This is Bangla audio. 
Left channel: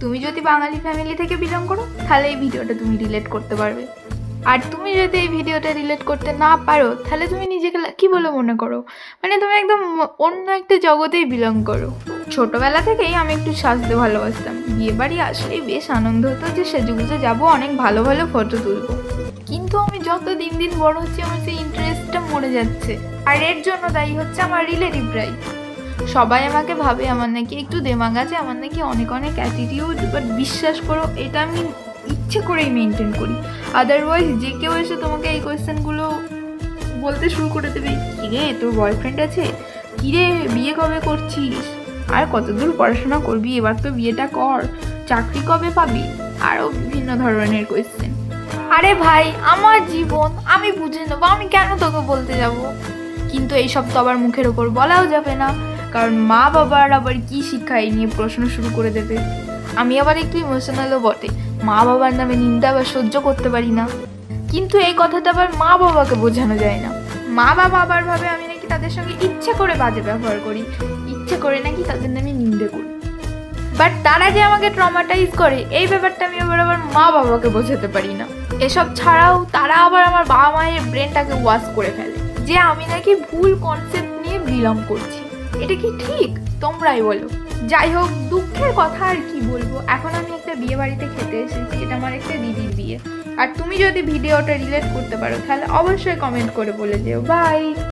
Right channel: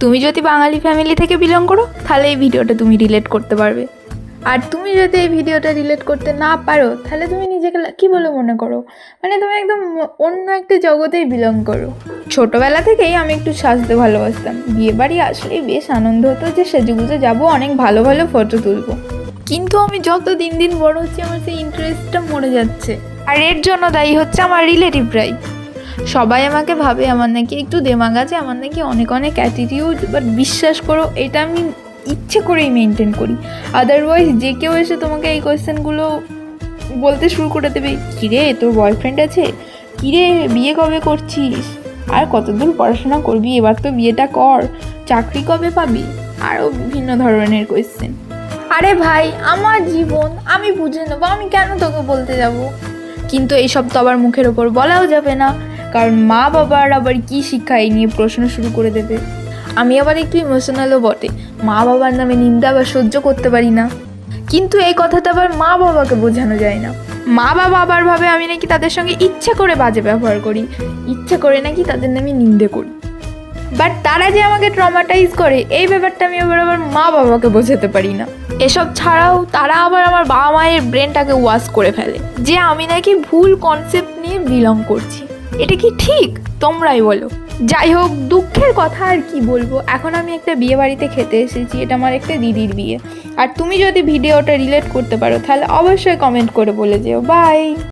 তুমি যদি বাঙালি ফ্যামিলি থেকে বিলং করো তাহলে এই ভিডিওটা তুমি রিলেট করতে পারবে। আর তুমি যদি এই ভিডিওটা রিলেট করতে না পারো তাহলে তুমি নিজেকে কী বলে মনে করো, মানে তুমি একদম অন্য একটা জগতেই বিলং করো। ছোটোবেলা থেকেই আমি একটু সাজতে ভালোবাসতাম। বিয়েবাড়ি আসলেই বেশ আনন্দ হতো যে সেজেগুজে যাবো, অনেক ভালো ভালো ফটো তুলবো। কিন্তু আমি যত দিন দিন বড় হচ্ছে আমার সেই ইন্টারেস্টটা মরে যাচ্ছে। আর এর জন্য দায়ী হচ্ছে আমার রিলেটিভরাই। সবাই আমাকে ভাবে আমার নাকি একটু দেমাগ আছে, আমার নাকি অনেক অনেক অ্যাটিটিউড, বাট বিশ্বাস করো এটা আমি ইচ্ছে করেই মেনটেন করি। আদারওয়াইজ যে কেউ এসে তোমাকে এই কোয়েশ্চেনগুলো বলতে শুরু করে দেবে, কিরে তোর বয়ফ্রেন্ড আছে, কিরে বিয়ে কবে করছিস, আর কতদূর পড়াশোনা করবি, এবার তো বিয়েটা কর, চাকরি কবে পাবি, আরও বিভিন্ন ধরনের কোয়েশ্চেন। আরে ভাই আমার জীবন আমি বুঝে নেবো, আমি কেন তোকে বলতে যাব। কিন্তু এইসব তো আবার মুখের ওপর বলাও যাবে না, কারণ মা বাবার আবার কী শিক্ষা এই নিয়ে প্রশ্ন শুরু করে দেবে। আমি আবার একটু ইমোশনালও বটে, মা বাবার নামে নিন্দা আবার সহ্য করতে পারি না। কিন্তু এই কথাটা আবার মা বাবাকে বোঝানো যায় না। মা বাবা আবার ভাবে আমি নাকি তাদের সঙ্গে ইচ্ছে করে বাজে ব্যবহার করি, ইচ্ছে করে নাকি তাদের নামে নিন্দে করি। বাট তারা যে আমাকে ট্রমাটাইজ করে এই ব্যাপারটা আমি আবার মা বাবাকে বোঝাতে পারি না। এসব ছাড়াও তারা আবার আমার বাবা মায়ের ব্রেনটাকে ওয়াশ করে ফেলে যে আমি নাকি ভুল কনসেপ্ট নিয়ে বিলং করছি। এটা কি ঠিক? তোমরাই বলো। যাই হোক, দুঃখের কথা আর কি বলবো, এখন আমি একটা বিয়ে বাড়িতে খেতে এসেছি, এটা আমার একটা দিদির বিয়ে। আর তুমি যদি ভিডিওটা রিলেট করতে পারো তাহলে অবশ্যই কমেন্ট করে বলে যেও। বাই।